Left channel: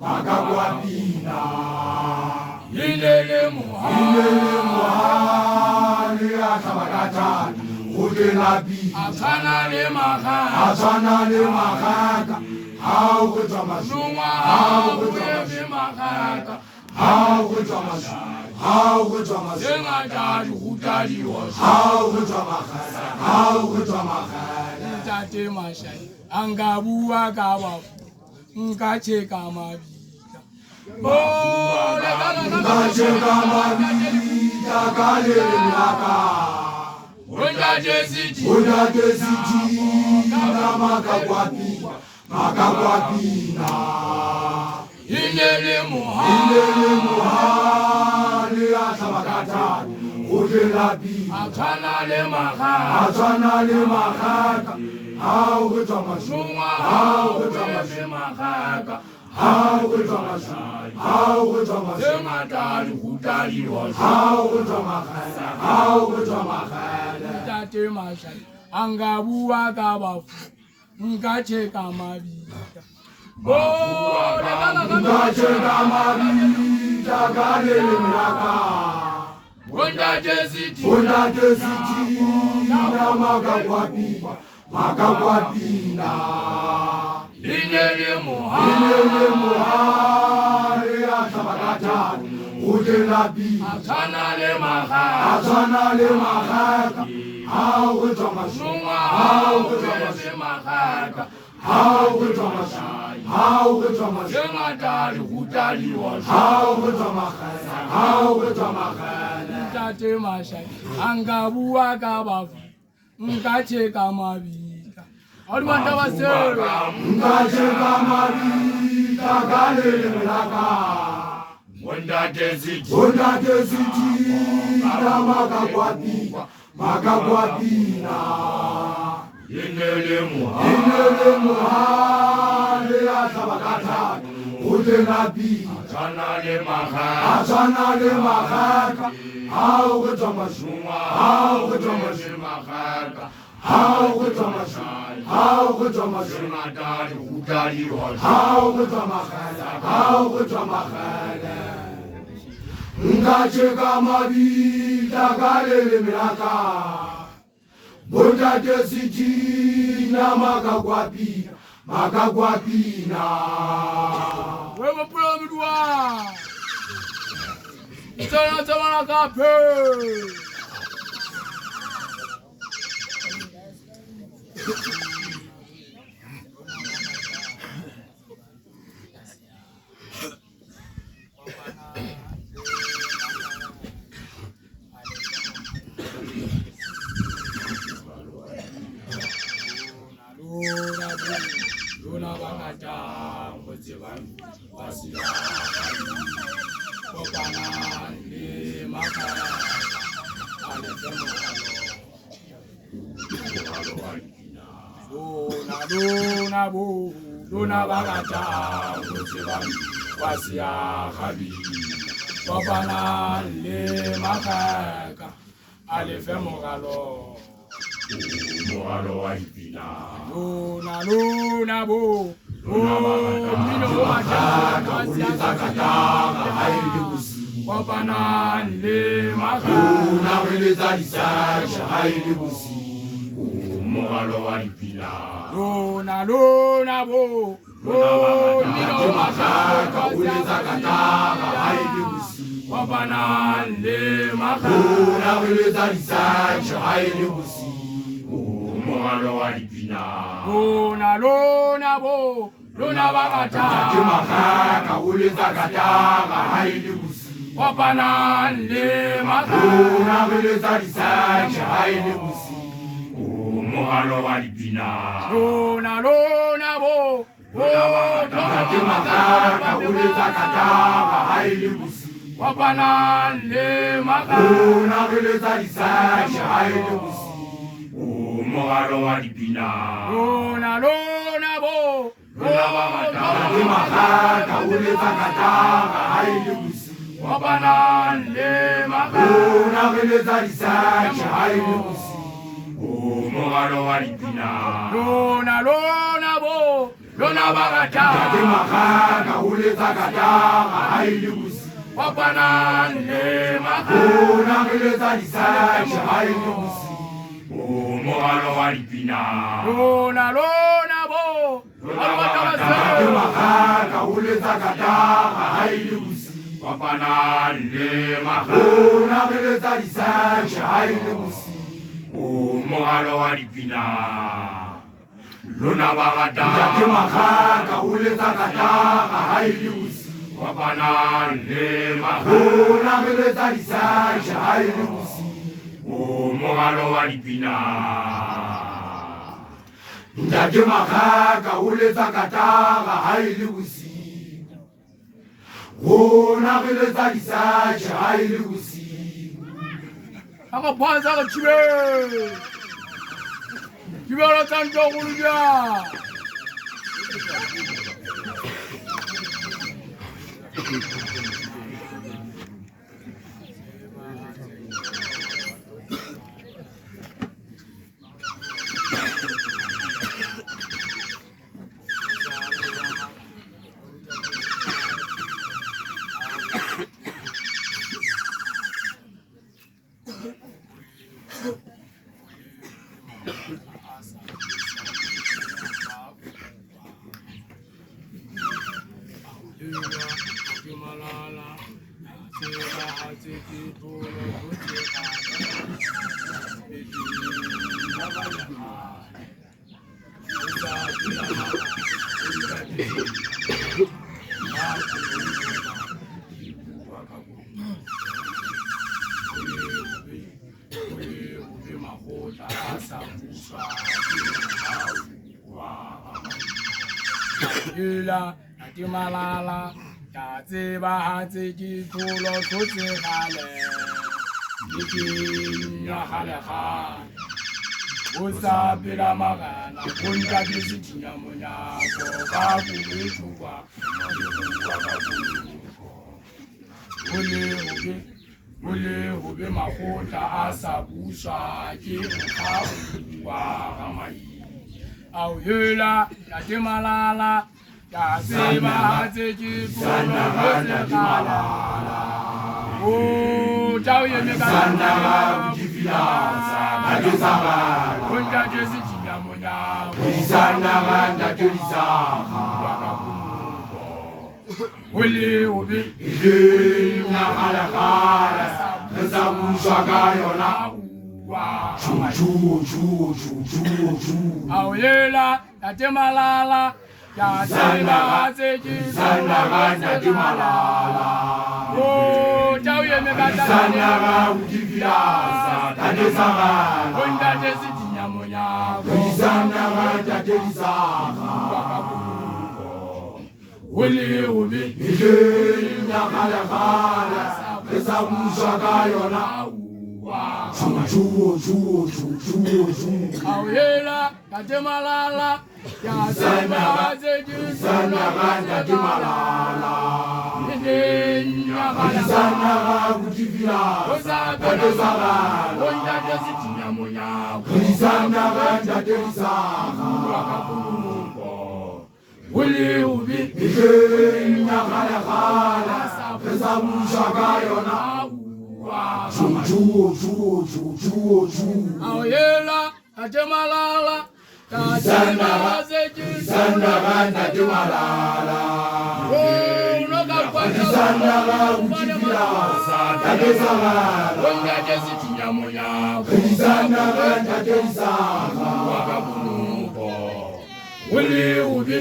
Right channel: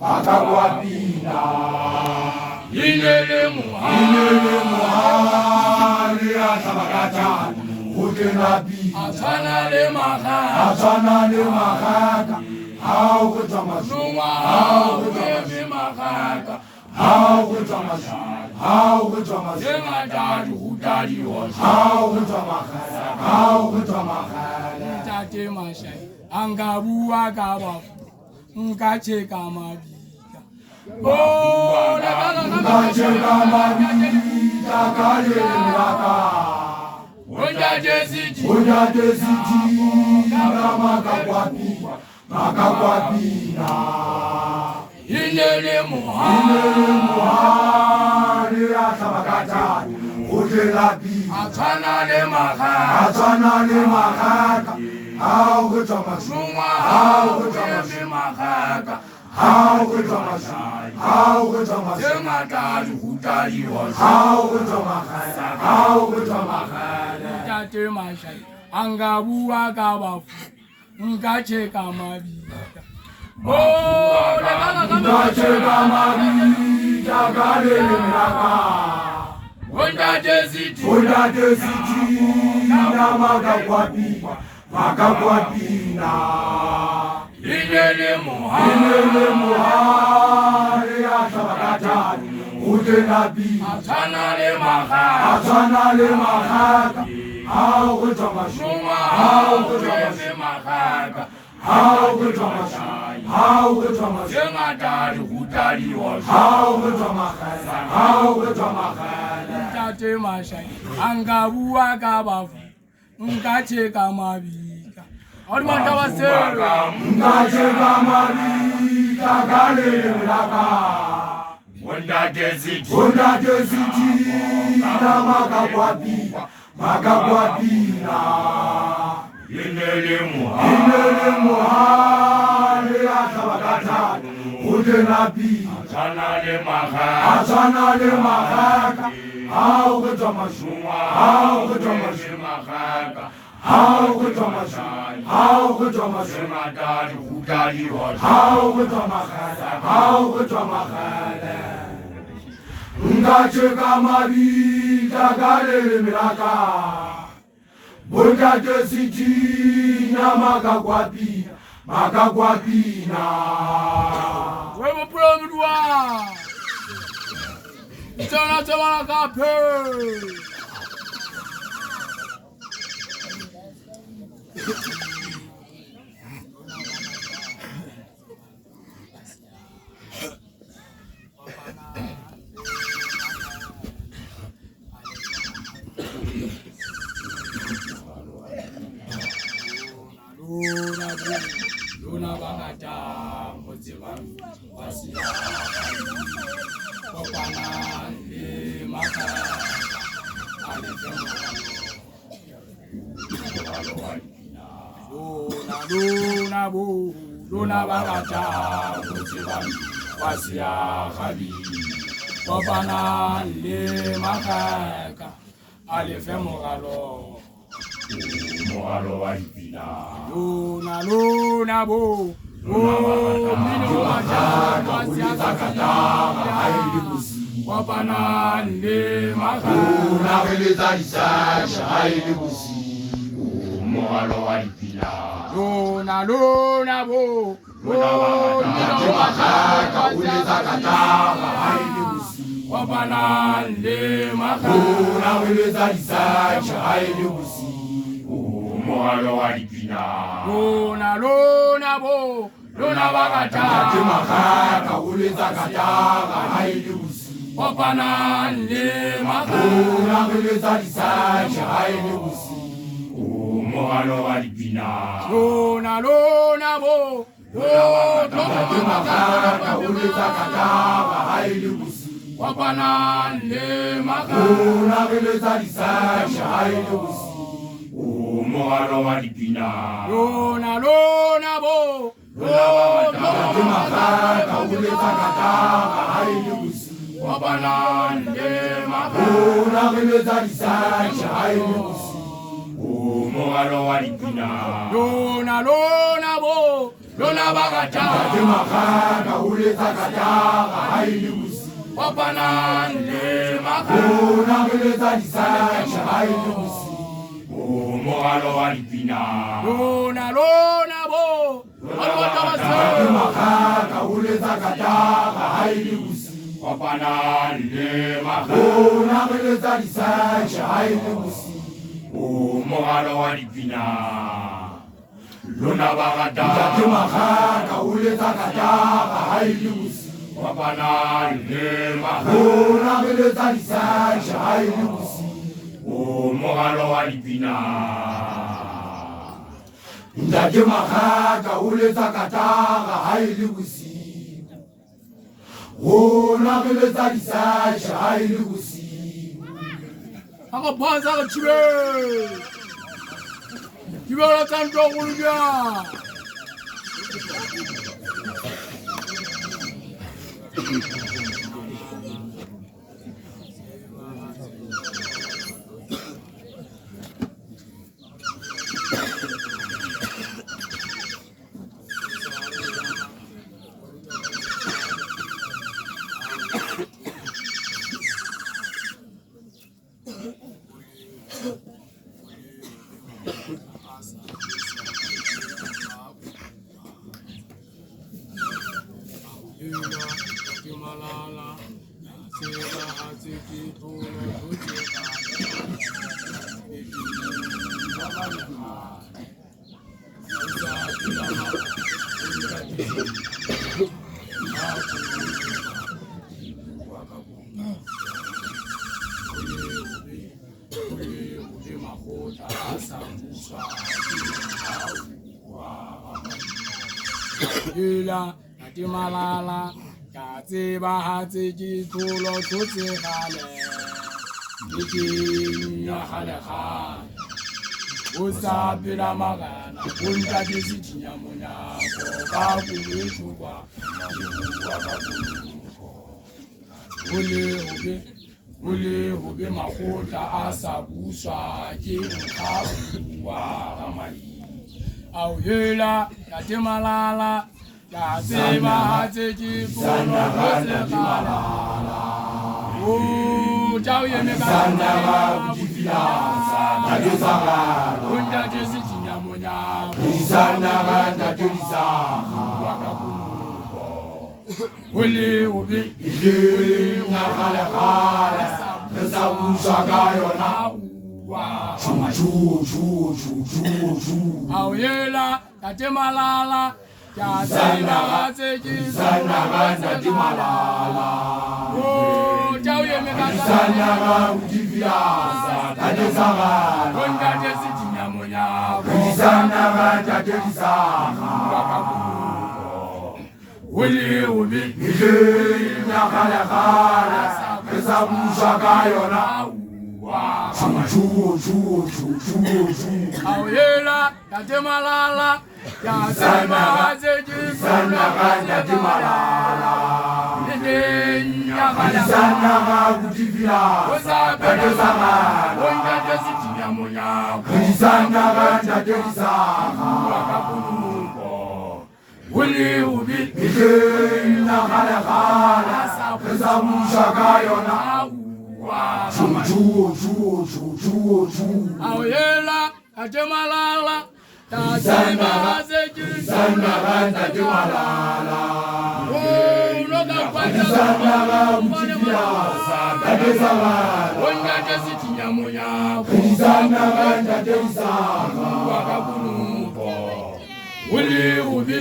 Makakwapina Ilele muhali Atabakata Utenabi Asana le mahaka How good Thomas How good Thomas How good Thomas How good Thomas How good Thomas Tate Mashai Angabuwa Gawa Nkacheka mabika Oh Nkacheka mabika Kale miraka Wonda desiti Makakwapina Inele muhari Atabakata Utelabi Atana le mahaka How good Thomas How good Thomas How good Thomas How good Thomas How good Thomas How good Thomas Tate Mashai Angabuwa Gawafu Nkacheka mabika Oh Nkacheka mabika Kale miraka Wonda desiti Makakwapina Ilele muhari Atabakata Utenabi Asana le mahaka How good Thomas How good Thomas How good Thomas How good Thomas How good Thomas How good Thomas Tate Mashai Angabuwa Gawafu Nkacheka mabika Alimanta wasero Nkacheka mabika Kale miraka Wonda desiti Makakwapina Ilele muhali Atabakata Utenabi Asana le mahaka How good Thomas How good Thomas How good Thomas How good Thomas How good Thomas How good Thomas Nkacheka mabika Kale miraka Wonda desiti Makakwapina Wewe pulomudwa Tana Kape Luna Bagata Mozivan Wasia Kopana Maka Luna Bagata Mozivan Wasia Habi Kopana Maka Alefemogalo Mohalo Waipina Luna bo Mino Machaka Wasia Kopana Maka Luna Welezalisa Haili Busi Mohalo Waipina Luna bo Mino Machaka Haili Busi Kopana Maka Luna Welezalisa Haili Busi Mohalo Waipina Luna bo Luna Bagata Mahaka Ulezakatanga Haili Busi Kopana Maka Luna Welezalisa Haili Busi Mohalo Waipina Luna bo Luna Bagata Ulezakatanga Haili Busi Kopana Maka Luna Welezalisa Haili Busi Mohalo Waipina Luna bo Luna Bagata Ulezakatanga Haili Busi Kopana Maka Luna Welezalisa Haili Busi Mohalo Waipina Luna bo lona bagata ke magaka o letsa katara ha e le bosiu kopana le magata bona re letsa disaja ha e le bosiu o mogalo wa dipina lona bo ke magaka o letsa katara ha e le bosiu kopana le magata bona re letsa disaja ha e le bosiu o mogalo wa dipina lona bagata ke magaka o letsa katara ha e le bosiu kopana le magata bona re letsa disaja ha e le bosiu o mogalo wa dipina ke magaka o letsa katara ha e le bosiu bona re letsa disaja ha e le bosiu Ako panza ka chibe. Chibe la tanto kulja. Yula, Natimalala, Katsiba Hatsiki, Tulo, Tutsi Hale, Niki, Yahaleha, Usa Piramagana, Punta Disiyamunya, Kokakuwa, Ule Hube Mahota, Asabusha, Kihawa, Ramai. Au Yula, Natimalala, Katsiba Hatsiki, Tulo, Tutsi Hale. Oh, Jao Yemeka, Punta Disiyamunya, Uli ubi, Auyela, Natimalala, Katsiba Hatsiki, Oh, Jao Yemeka, Punta Disiyamunya, Uli ubi, Auyela, Natimalala, Katsiba Hatsiki, Uli ubi, Auyela, Natimalala, Katsiba Hatsiki, Uli ubi,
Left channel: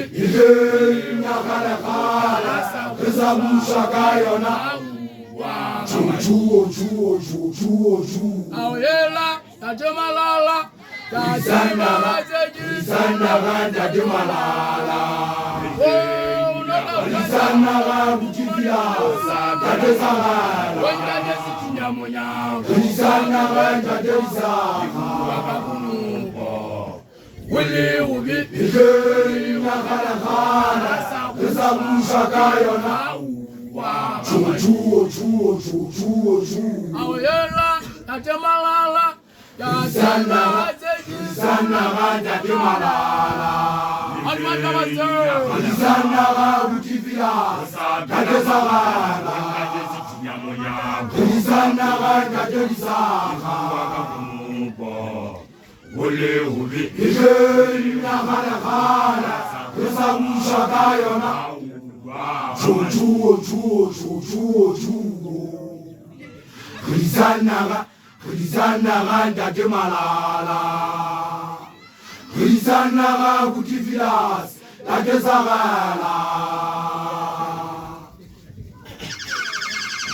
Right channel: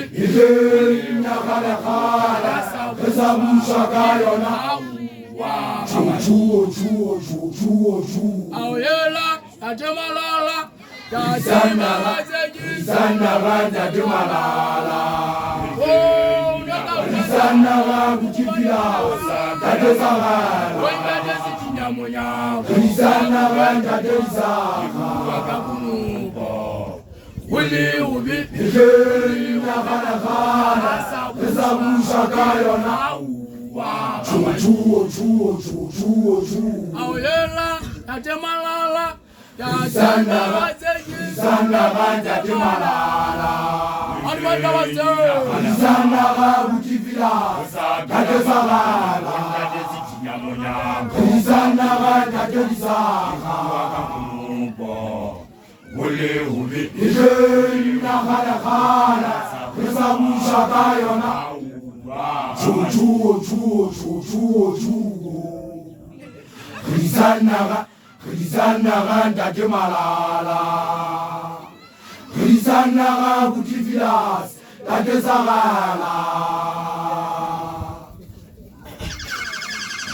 Auyela, Natimalala, Katsiba Hatsiki, Uli ubi, Auyela, Natimalala, Katsiba Hatsiki, Kudisanaga kutifila tate sagala Kudisanaga tate disaga Ole ube Ije nakala kala Kusa mushaka yona Chuchu Kudisanaga tate malala Kudisanaga kutifilas tate sagala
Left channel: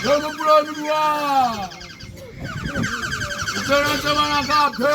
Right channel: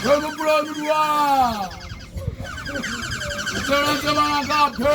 Vamos pro luar. Esperança para capa.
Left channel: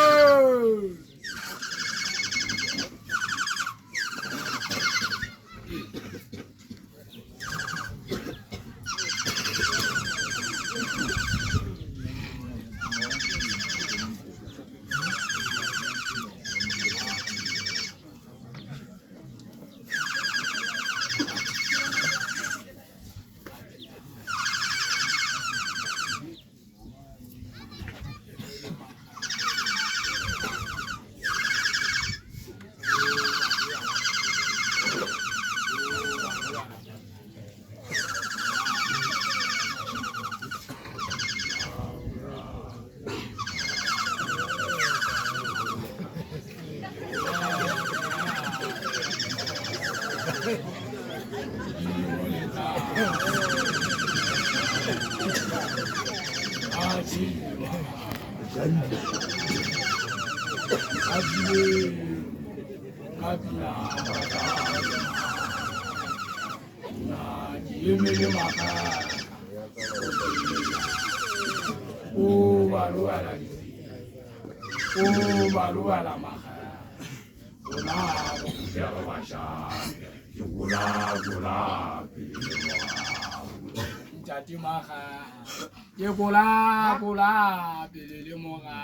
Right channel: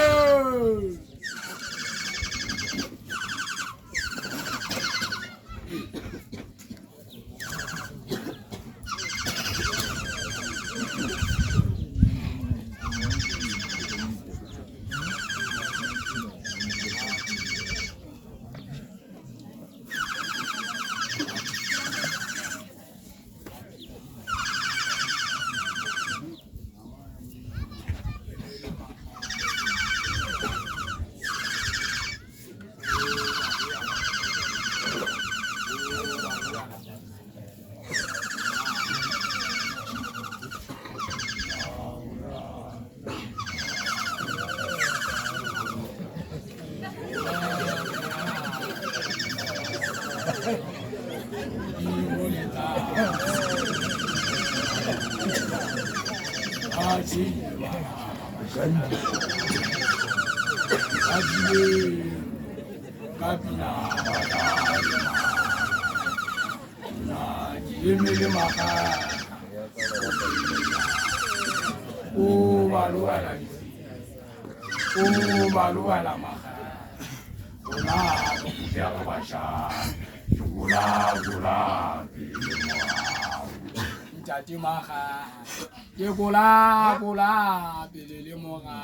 Kula bilele moga.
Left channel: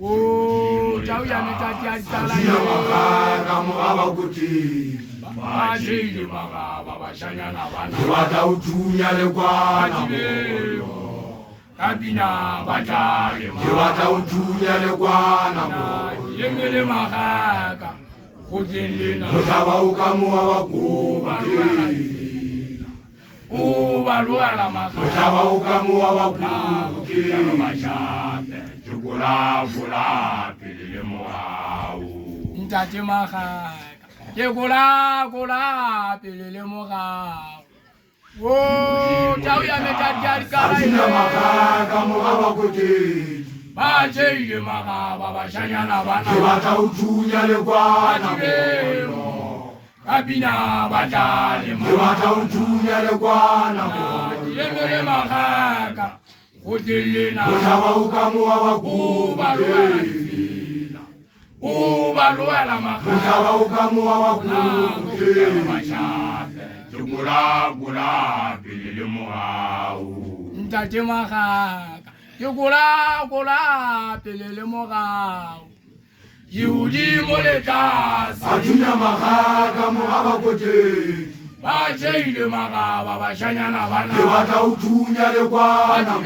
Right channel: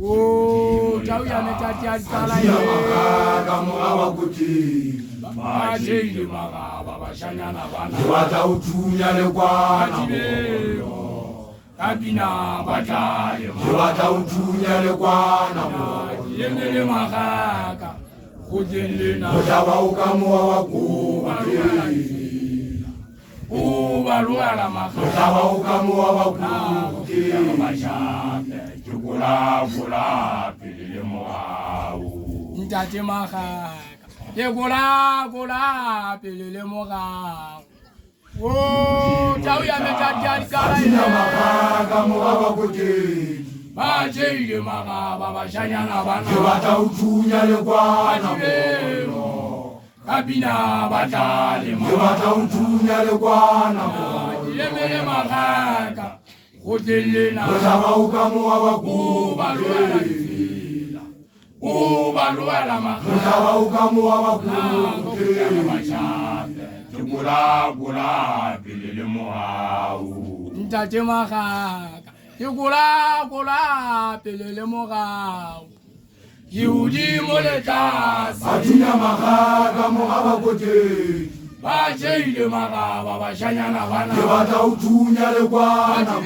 Oh, jauh ya ni caci salah ya. Kamu apa kuti? Macam mana bapa sanya nawana. Dua tahu dunia lekwana. Kabina baca. Dua tahu dunia lekwana. Yemele maga. Kujendina. Kau kamu apa kuti? Baruala maga. Kau kamu apa kuti? Kula pilih mau. Caci maga. Kula pilih mau. Oh, jauh ya menjadi kala ini. Kamu apa kuti? Macam mana bapa sanya nawana. Dua tahu dunia lekwana. Kabina baca. Dua tahu dunia lekwana. Yemele maga. Kujendina. Kau kamu apa kuti? Baruala maga. Kau kamu apa kuti? Kula pilih mau. Caci maga. Kula pilih mau. Yudi moletas. Ajunya maga kamu apa kuti? Macam mana bapa sanya nawana. Dua tahu dunia lekwana.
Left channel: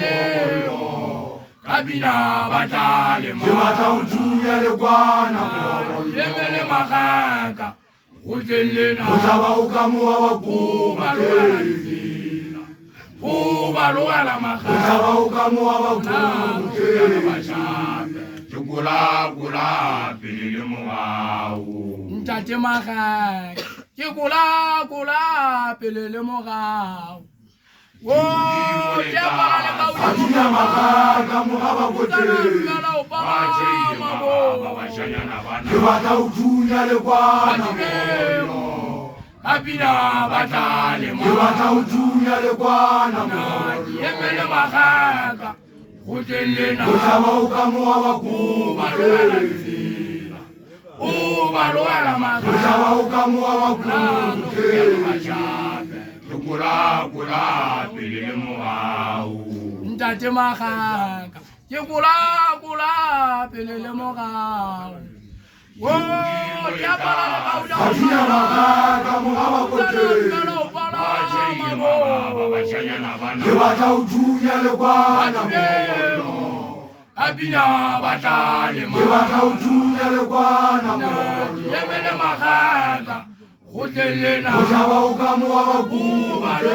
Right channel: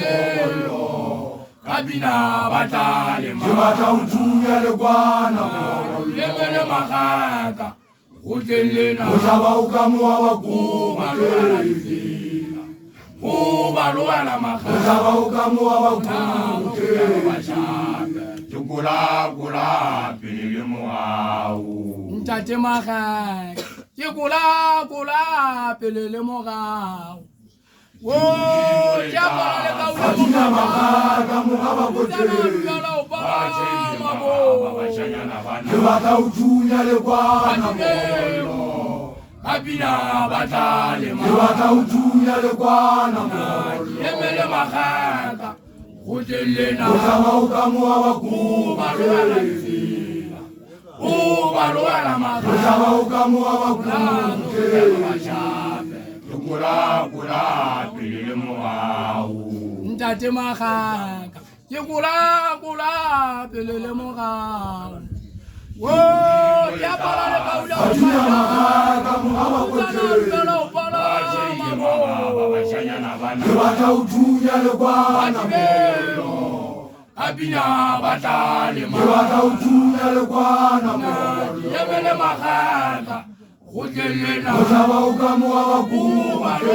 Kabina baca. Dua tahu dunia lekwana. Yemele maga. Kujendina. Kau kamu apa kuti? Baruala maga. Kau kamu apa kuti? Kula pilih mau. Caci maga. Kula pilih mau. Oh, siapa lagi kau yang Ajunya maga kamu apa kuti? kalau Dua tahu dunia lekwana. Kabina baca. Dua tahu dunia lekwana. Yemele maga. Kujendina. Kau kamu apa kuti? Baruala maga. Kau kamu apa kuti? Kula pilih mau. Caci maga. Kula pilih mau. Oh, siapa lagi kau yang Ajunya maga kamu apa kuti? kalau Dua tahu dunia lekwana. Kapina batale ke batla ho thunya lekwana mobollo Yemele magaka Gotlelena go tlhaba o ka mowa wa kuke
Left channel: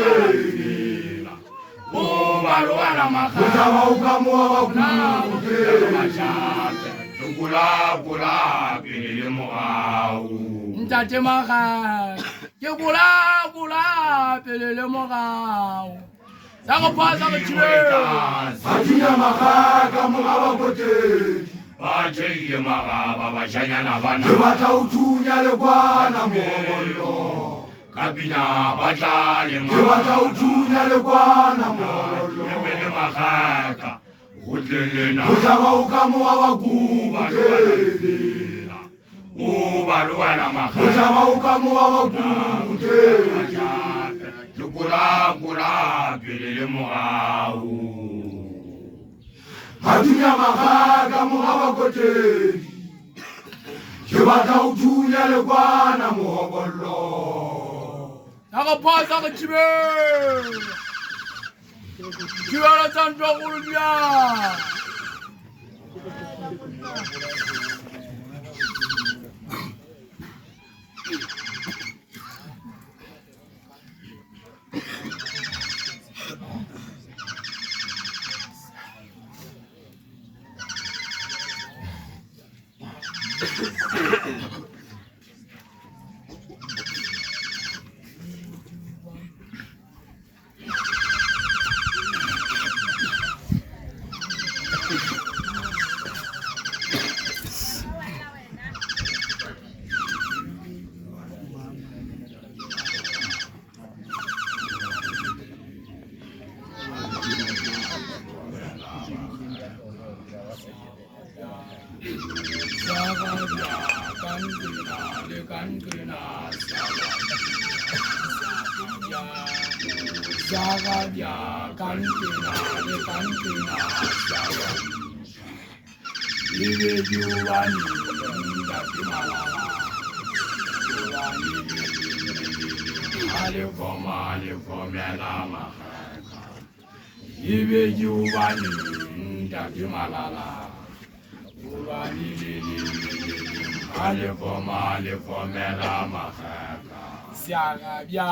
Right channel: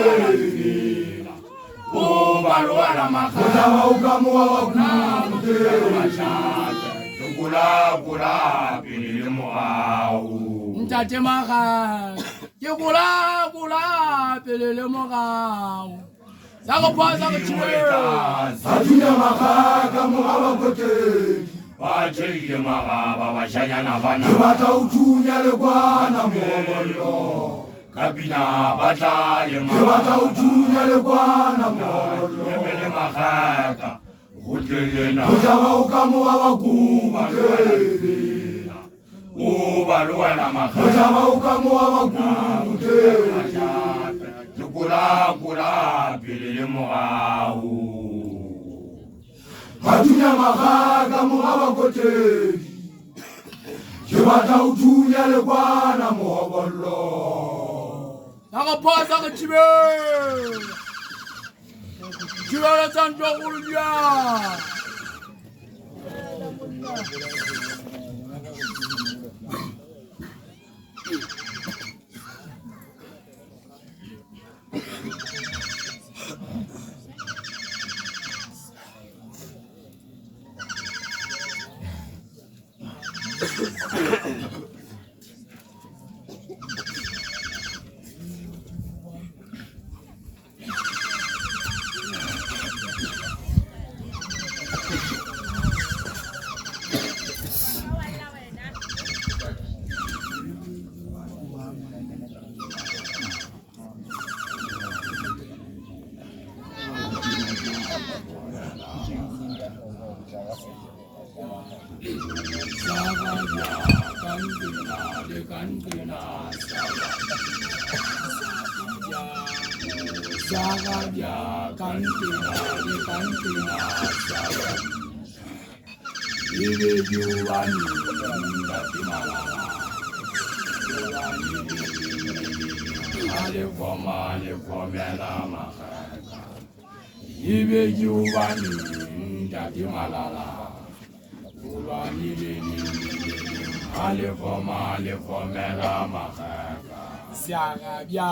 Ubalwana go magaka tlhaba o ka mowa wa kuke Kula pele morao Ntate magaka ke kula pele le morao Sa go pasa go tshwela ba thunya magaka mowa wa koteng ba tshele magaba ba shanyana bana ke batla ho thunya lekwana mobollo Kapina batale ke batla ho thunya lekwana mobollo Yemele magaka Gotlelena go tlhaba o ka mowa wa kuke Ubalwana go magaka tlhaba o ka mowa wa kuke Kula pele le morao ba thunya magaka mowa wa koteng ke batla ho thunya lekwana mobollo Sa go pasa go tshwela Tshwela tsa ntwa go dia Sagadya kantina de kantina saga Ibe juwani ngati malala Ale komela makaka Ibe juwani ngati malala Ale komela makaka Siagabia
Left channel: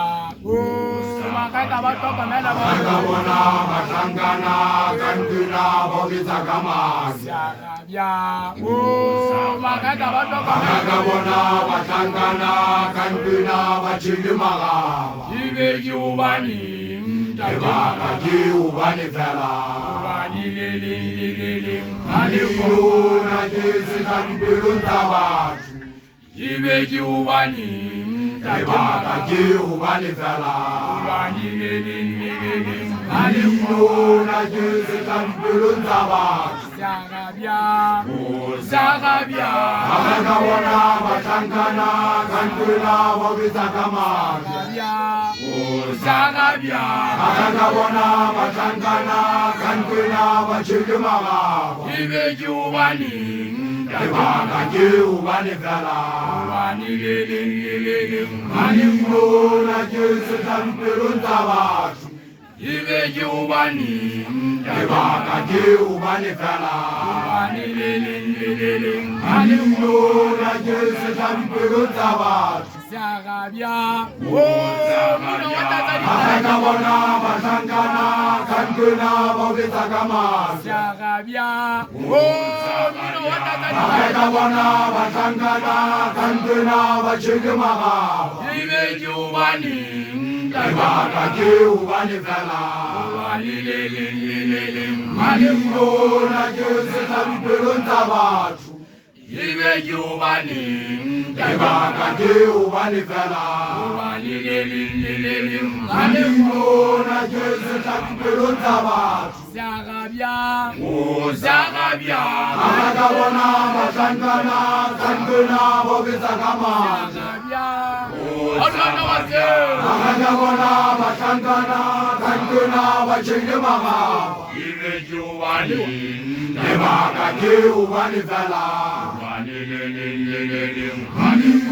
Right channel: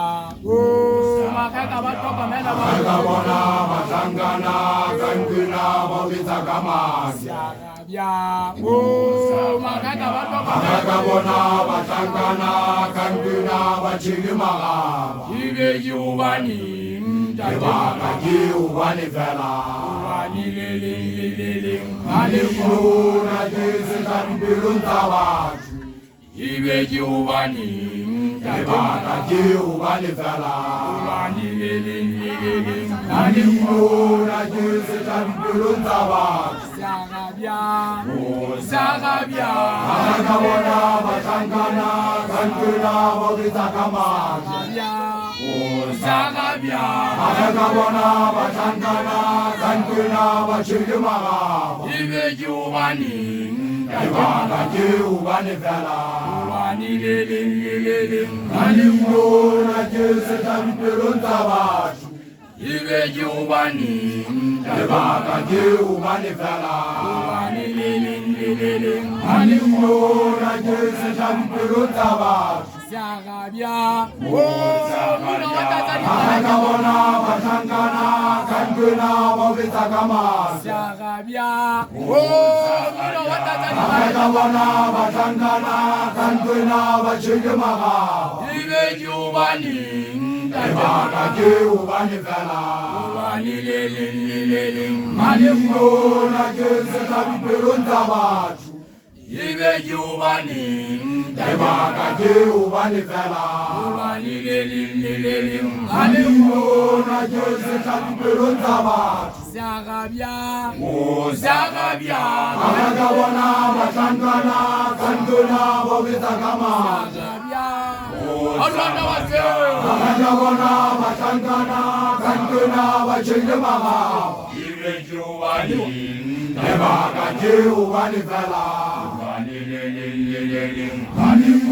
makaka ba tlhokomela ka bona matlhankana kantuna ba o letsa ka masi Siagabia makaka ba ka tlhokomela bona matlhankana kantuna ba tshele magaba Ibe juwani ke baka ke ubane fela Ale ona ke setlampelong tsa batho Ibe juwani ke baka ke ubane fela Ale ona ke setlampelong tsa batho Zagabia ka bona matlhankana kantuna ba o letsa ka masi Zagabia ka bona matlhankana kantuna ba tshele magaba Ibe juwani ke baka ke ubane fela Ale ona ke setlampelong tsa batho Ibe juwani ke baka ke ubane fela Ale ona ke setlampelong tsa batho Zagabia ka bona matlhankana kantuna ba o letsa ka masi Zagabia ka bona matlhankana kantuna ba tshele magaba Ibe juwani ke baka ke ubane fela Ale ona ke setlampelong tsa batho Ibe juwani ke baka ke ubane fela Ale ona ke setlampelong tsa batho Zagabia Zagabia ka bona matlhankana kantuna ba o letsa ka masi ka bona matlhankana kantuna ba tshele magaba Ibe juwani ke baka ke ubane fela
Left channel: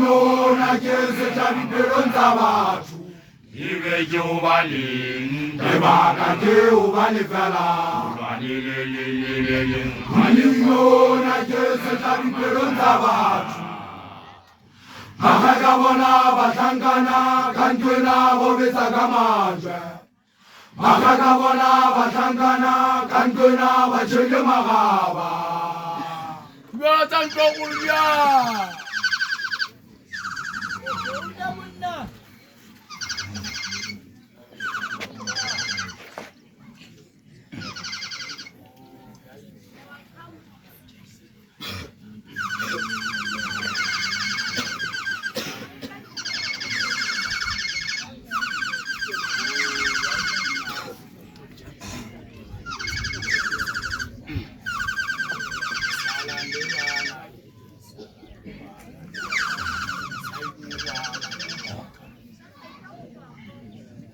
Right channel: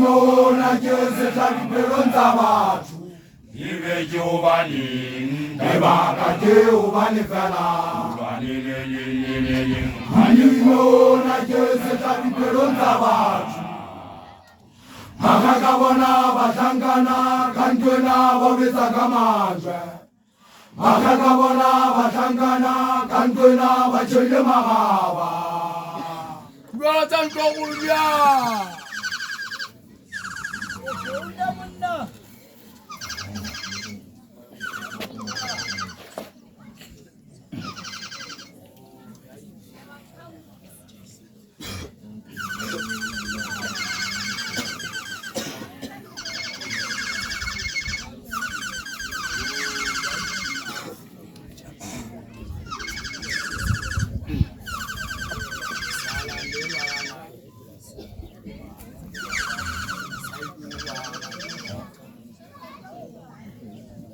ona ke setlampelong tsa batho Ibe juwani ke baka ke ubane fela Malingona Jesu Tabipelonza batho Makakabona bahlangana kantwena bobetsa kamanjwe Makakabona bahlangana kantwena batshele magaba Kubatsa ntokulya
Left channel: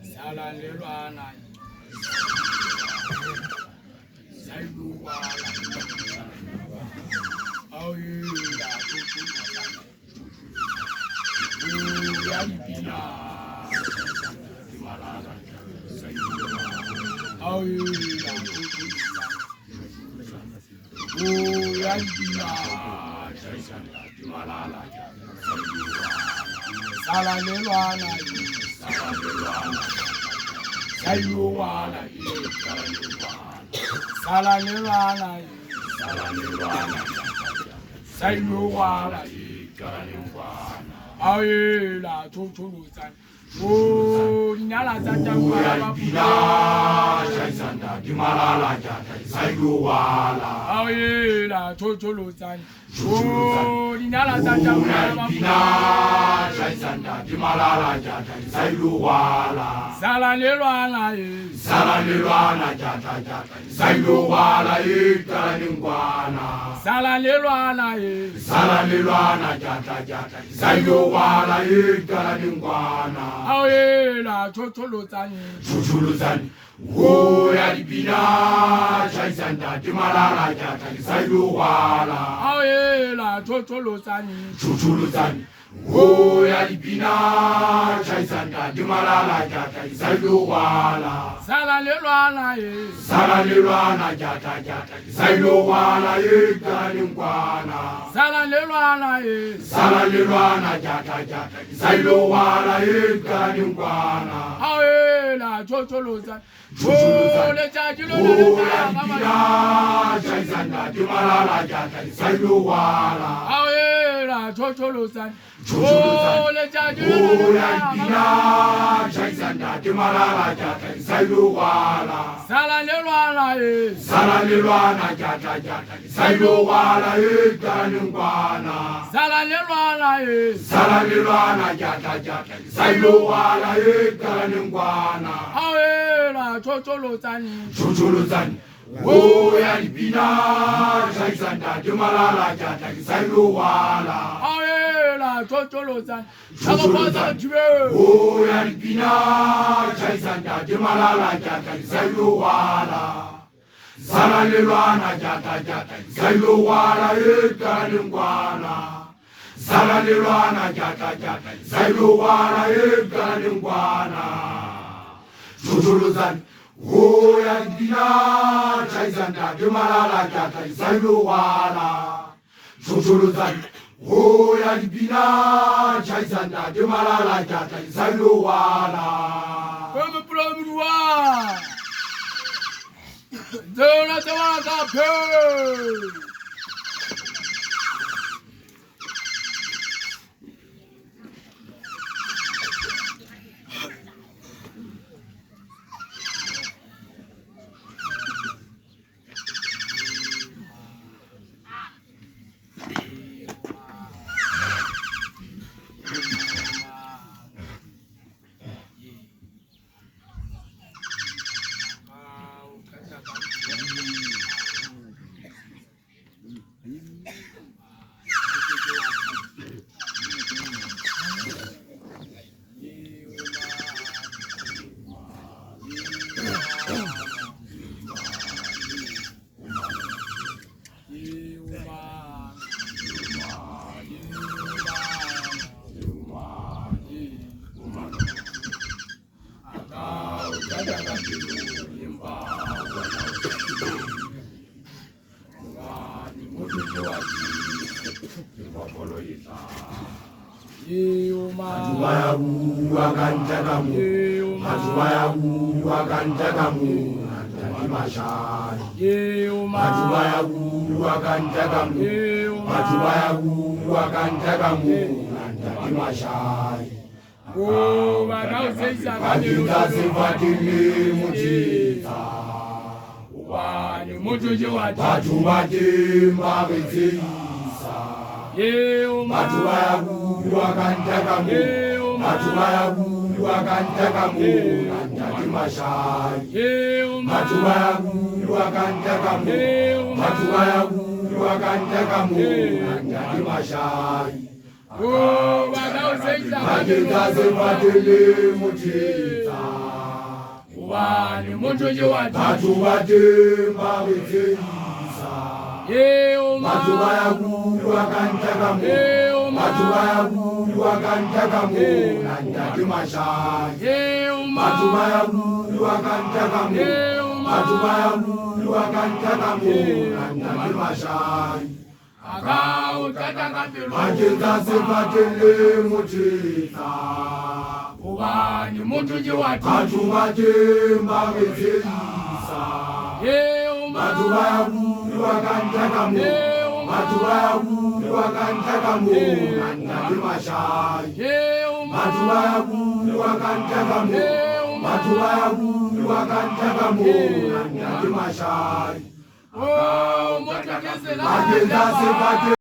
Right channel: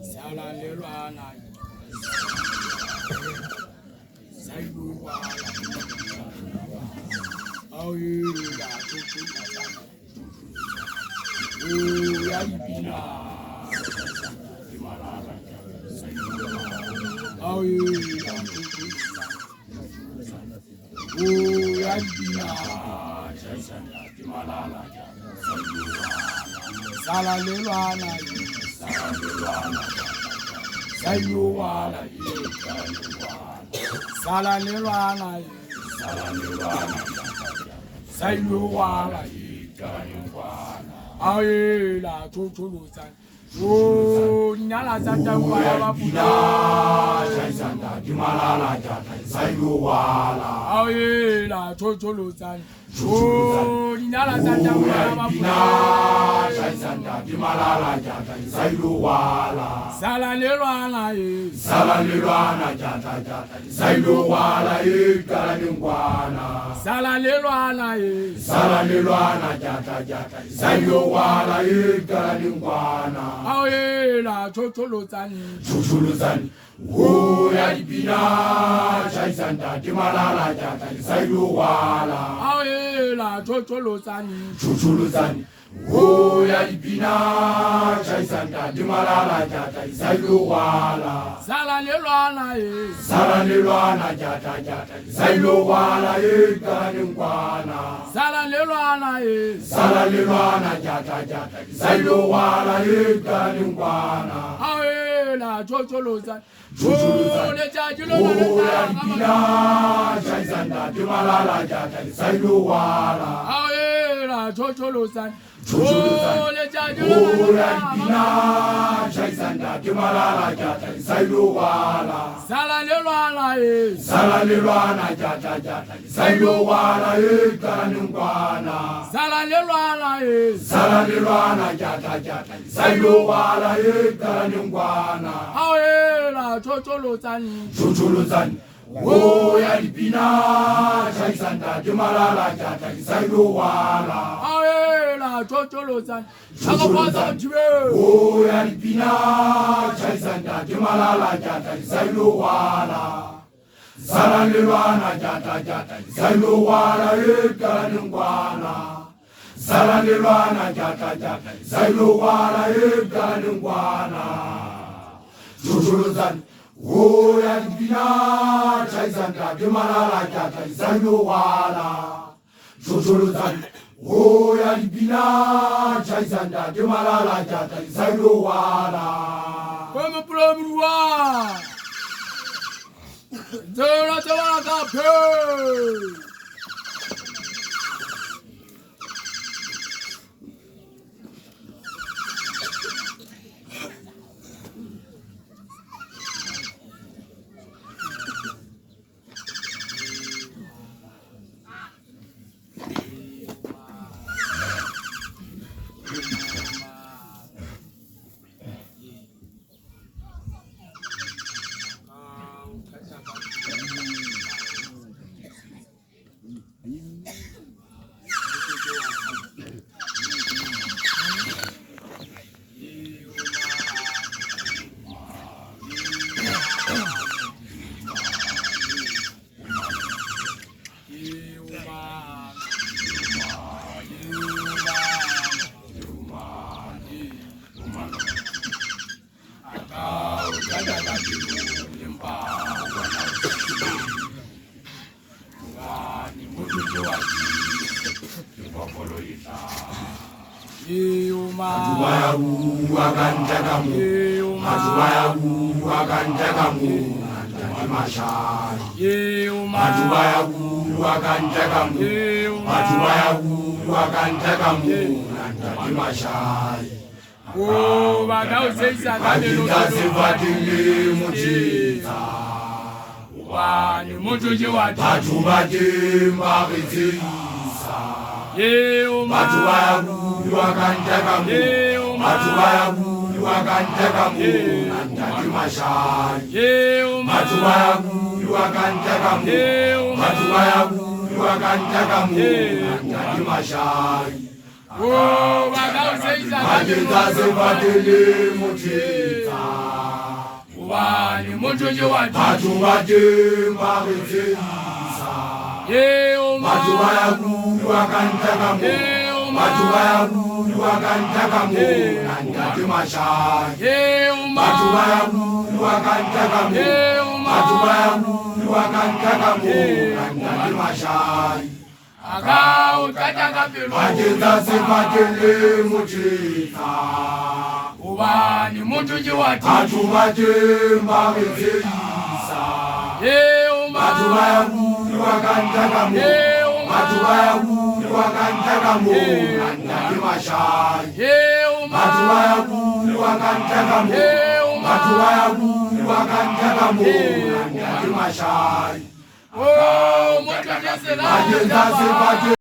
Salalelwana Sayuwala Awila Tutuza Uyalipina Timalala Awila Tutuza Uyalipina Timalala Salalelwana Sayuwala Salalelwana Sayuwala Ayela Tutuluza Oh, Nala Santa Uyalipina Jaisanda Timalala Jata Sayuwala Ayela Tutuluza Oh, Nala Santa Uyalipina Jaisanda Timalala Jata Sayuwala Salalelwana Salalelwana Jata Jata Sayuwala Ikalingwana Salalelwana Salalelwana Jata Jata Sayuwala Ikalingwana Ayela Tutuluzani Tutuluzani Uyalipina Jaisanda Timalala Jata Sayuwala Ayela Tutuluzani Tutuluzani Uyalipina Jaisanda Timalala Jata Sayuwala Salalelwana Salalelwana Jata Jata Sayuwala Ikalingwana Salalelwana Salalelwana Jata Jata Sayuwala Ikalingwana Ayela Tutuluzani Uyalipina Jaisanda Timalala Jata Sayuwala Ayela Tutuluzani Uyalipina Jaisanda Timalala Jata Sayuwala Salalelwana Salalelwana Jata Jata Sayuwala Ikalingwana Salalelwana Salalelwana Jata Jata Sayuwala Ikalingwana Ayela Tutuluzani Tutuluzani Uyalipina Jaisanda Timalala Jata Sayuwala Ayela Tutuluzani Akapaza Jibe Uyalipina Jaisanda Timalala Jata Sayuwala Salalelwana Jata Jata Sayuwala Ikalingwana Salalelwana Jata Jata Sayuwala Ikalingwana Tutuluzani Uyalipina Jaisanda Timalala Jata Sayuwala Tutuluzani Uyalipina Jaisanda Timalala Jata Sayuwala Comme Plomua Zona Tawaka Pe Matubayabu akantakamu. Matubayabu akantakamu. Nandati mashai. Matubayabu akantakamu. Matubayabu akantakamu. Nandati mashai. Vakitazi vatili muchita. Batu vatimba vitsisa. Batu vayabu akantakamu. Batu vayabu akantakamu. Nandati mashai. Batu vayabu akantakamu. Batu vayabu akantakamu. Nandati mashai. Vakitazi vatili muchita. Batu vatimba vitsisa. Batu vayabu akantakamu. Batu vayabu akantakamu. Nandati mashai. Batu vayabu akantakamu. Batu vayabu akantakamu. Nandati mashai. Vakitazi vatili muchita. Batu vatimba vitsisa. Batu vayabu akantakamu. Batu vayabu akantakamu. Nandati mashai. Batu vayabu akantakamu. Batu vayabu akantakamu. Nandati mashai. Vakitazi vatili